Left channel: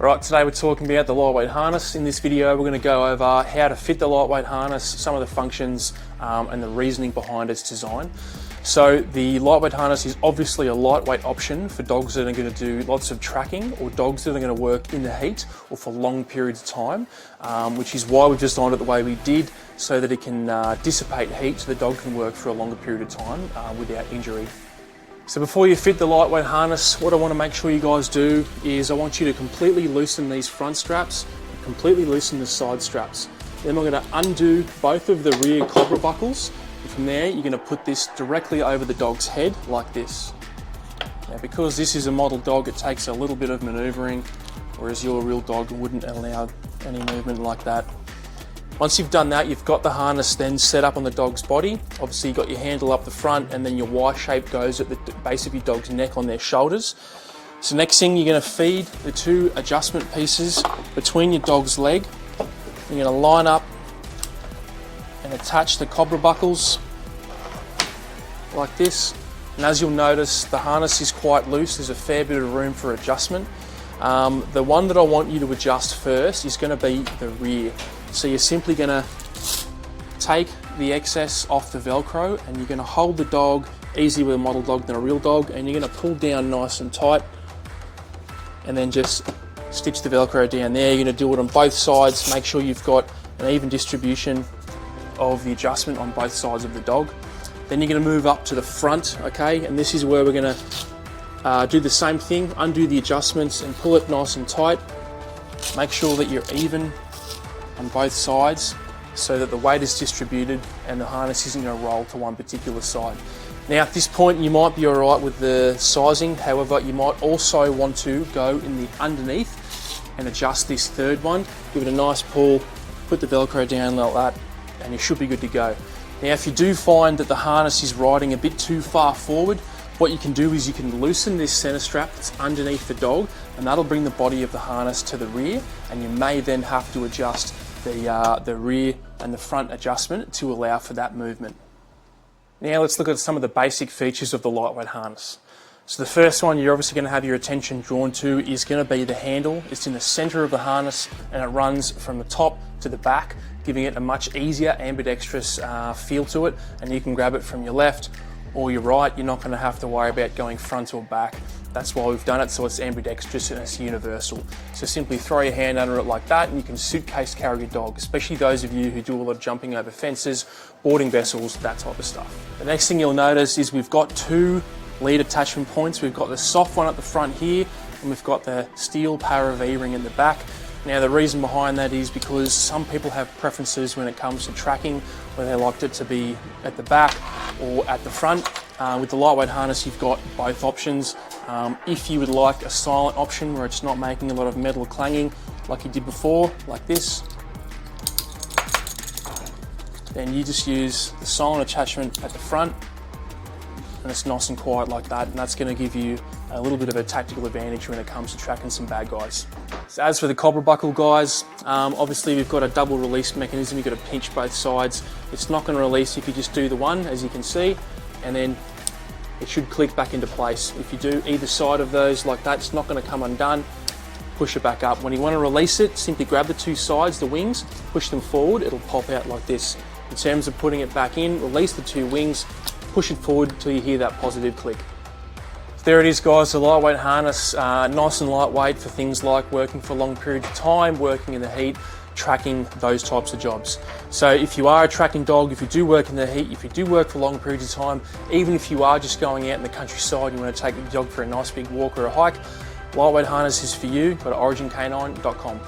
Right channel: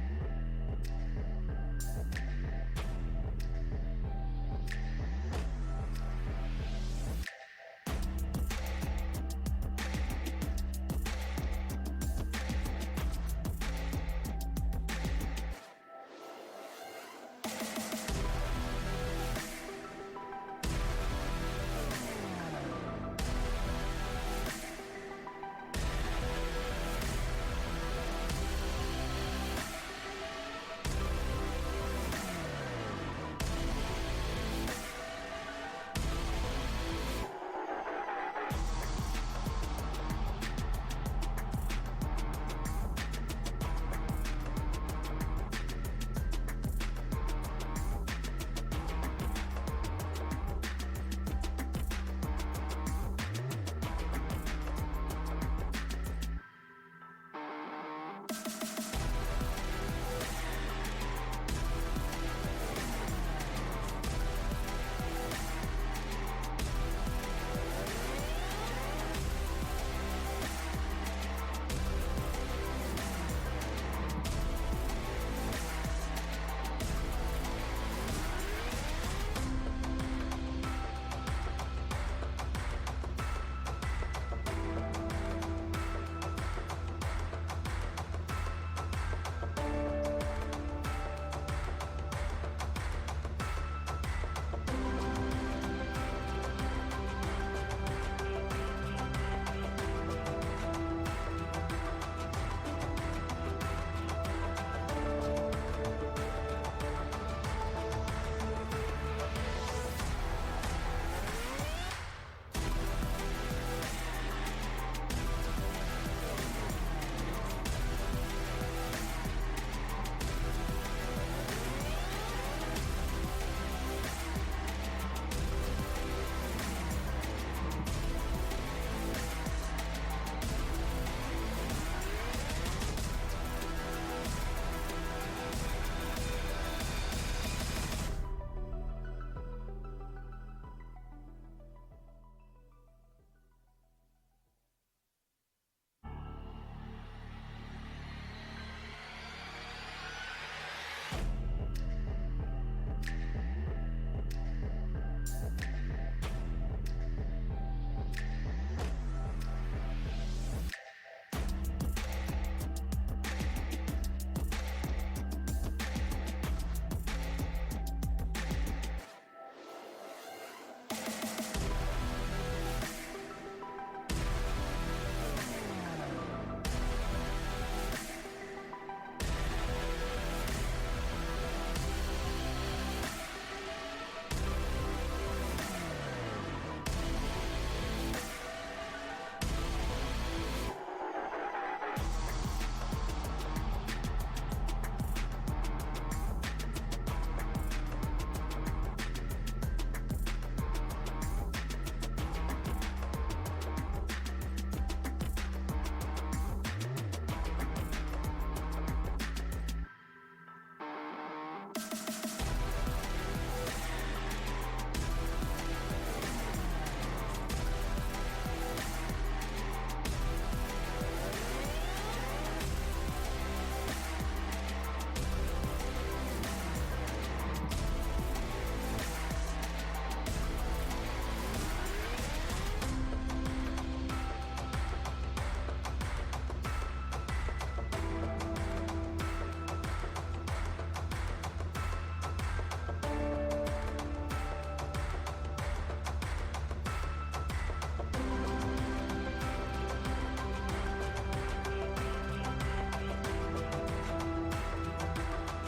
Right, today we're talking about the lightweight harness. In this video we're going to go over how to fit the lightweight harness, some of the functions and the reasoning behind its design. So the lightweight harness is obviously a lightweight option for dogs that are going to do lots of tracking or dogs that are going to work in the heat or for long periods of time, which is why we've designed it the way we did, so that it can dissipate heat so the dog can work for a longer period of time without injury. So before you fit the lightweight harness, what I want to make sure you guys do is I want you to completely loosen these front straps, completely loosen the side straps. Then we're going to undo both of the rear cobra buckles. From there, you're going to put this directly over the dog's head like this. Now, because this is a model dog, it takes a little bit of manoeuvring, whereas your real dog wouldn't allow any movement like that. Once you've done that, you've got the harness then set up on the dog's body. Obviously, you've got your handle up the front, and then your Y shape goes at the base of your dog's neck on their shoulders. So next thing, you're going to feed the two adjustment pieces between your dog's leg. You're going to line up and attach the cobra buckles like this. And as you'll notice, the harness is quite loose. There's a fair bit of room for adjustment. The one that I want you to adjust first is going to be the rear. So you're simply going to take the excess off the Velcro, and you're going to hold the dog easier with a model dog than a real dog, and you're going to pull down nice and tight and then just stitch the Velcro down there. You're going to do it on both sides. Make sure you've got an even distribution of the adjustment on both sides of the dog. Then you're going to move up to the front, okay, and this is where we're going to do the same thing, undo the adjustments and pull it nice and tight. Make sure that you're even on both sides so that the weight is distributed and the harness isn't going to roll to one particular side. Now at this point you might be alright with the sizing, however you might also want to go in the underneath and adjust this third one. Give it a nice pull, put the Velcro down like that, and you should be good to go. Now if you do find that the harness is riding a bit too far forward, what you can do is you can loosen this center strap that's underneath the dog, and that'll bring the body of the harness to the rear, and you may then have to adjust the rear and the front adjustment to allow for that movement. Now let's look at some of the basic features of the lightweight harness. So the first one you're obviously going to have your attention drawn to is going to be the handle. It's in the center of the harness and it runs from the top to the back, giving it a much easier ambidextrous feel to it, and you can grab it from your left or your right. You're not going to have to worry about going front or back. That's why we've done it, so it's ambidextrous and it's universal. So simply throw your hand under it like that and you can suitcase carry your dog, especially those of you who do a lot of jumping over fences, boarding vessels, that type of stuff. The next thing you'll notice is we've got two lead attachment points. We've got the soft one at the front here, and we've got the steel Para V-ring in the back. Now the reason behind that is because some people have preferences when it comes to tracking, where they like it to be at the back or at the front. With the lightweight harness you've got both options. If you would like a silent option where it's not making a lot of metal clanging like you did before, like this, then you just use the silent attachment at the front and it's nice and quiet like that, and that's going to give you a little bit of a tactical advantage when it comes to tracking some bad guys. So as for the cobra buckle guys, obviously we've got a double release mechanism. You've got to pinch both sides. It's not going to release if you just do the one, as you can see, and then it should click back into place. If you do either side of those like that, it's not going to come undone. Push it back up. When you want to release it, simply grab the two sides, the wings, push them forward, it'll pop out like this. In terms of putting it back in, release the two wings, push it forward until you hear that positive click. There it is guys, the lightweight harness, nice and lightweight for things like working for long periods of time, working in the heat, tracking, those types of jobs. So if you are a tracking dog, if you do work in the heat, if you do work for long periods of time, even if you are just going out in the countryside, you want to take your dog for a nice big walk or a hike, lightweight harness is for you. Go to origincanine.com.